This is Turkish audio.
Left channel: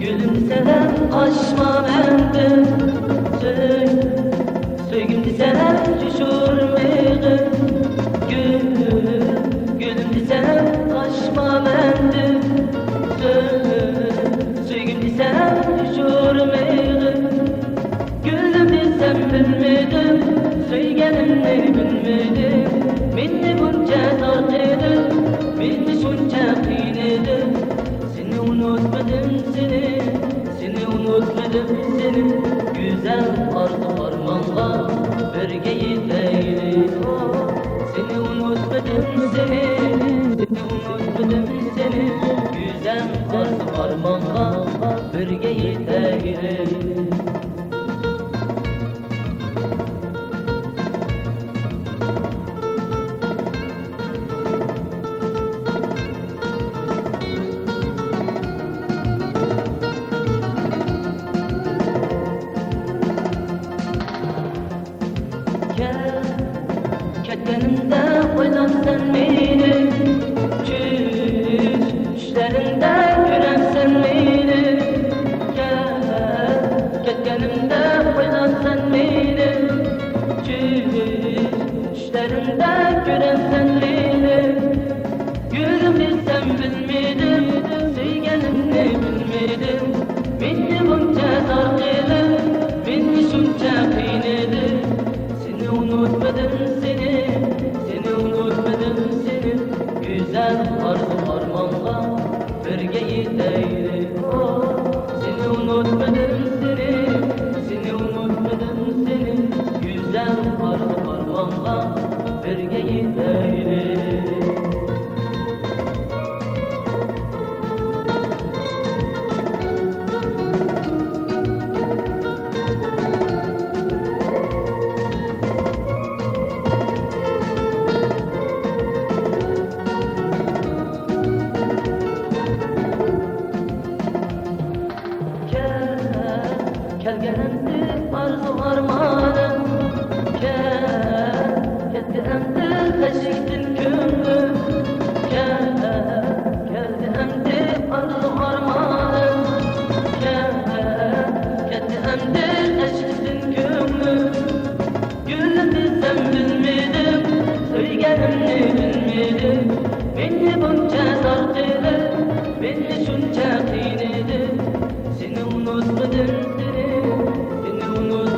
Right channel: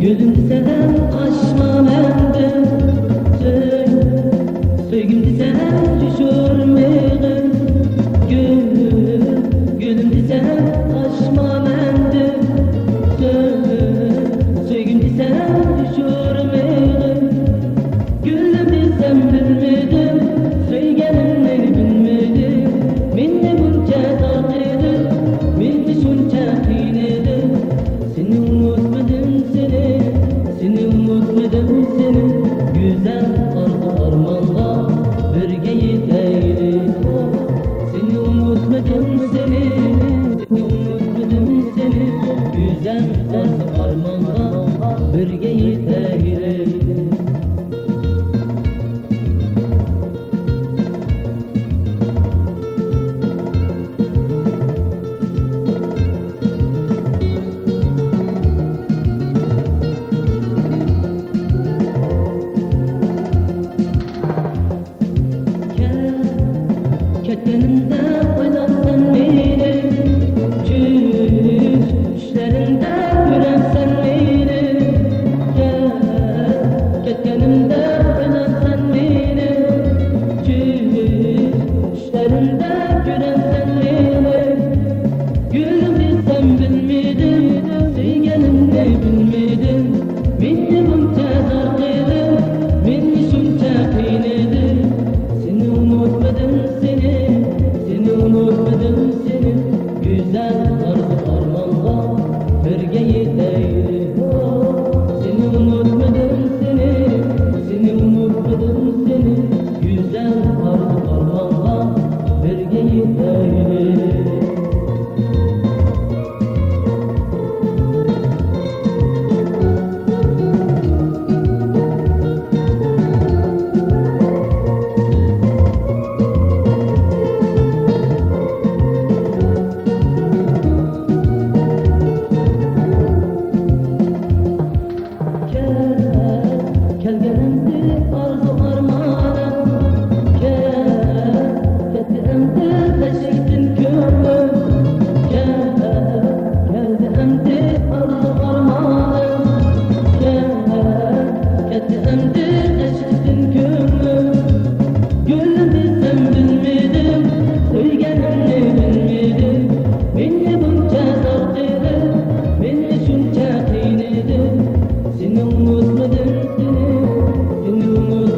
Gülüm sen aşma mende Söygüm sen düşürmeğe Gülüm sen aşma mende Söygüm sen düşürmeğe Gülüm desem bilmedim Söygenimni bilmedim Minni bunca tarqıdı Minni şunca kıynedı Seni unutmadım seni unutmadım seni Güzel arzu armanga birge yeteyli Seni unutmadım seni unutmadım seni Güzel arzu armanga birge yeteyli Ketkenimde oynatsan beni Düşlerimde gören sen beni Ketkenimde oynatsan beni Düşlerimde gören sen beni Gülüm desem bilmedim Sevgenimni bilmedim Minni bunca darqıdı Minni şunca kıynedı Seni unutmadım seni unutmadım seni Güzel arzu armanga birge yeteyli Seni unutmadım seni unutmadım seni Güzel arzu armanga birge yeteyli Kelgelendi arzu armanım Ketti endi kaşıktın kömlüm Geldi endi arzu armanım Ketti endi kaşıktın kömlüm Gülüm desem bilmedim Söygenimni bilmedim Minni bunca darqılı Minni şunca kıynedim Seni unutmadım seni unutmadım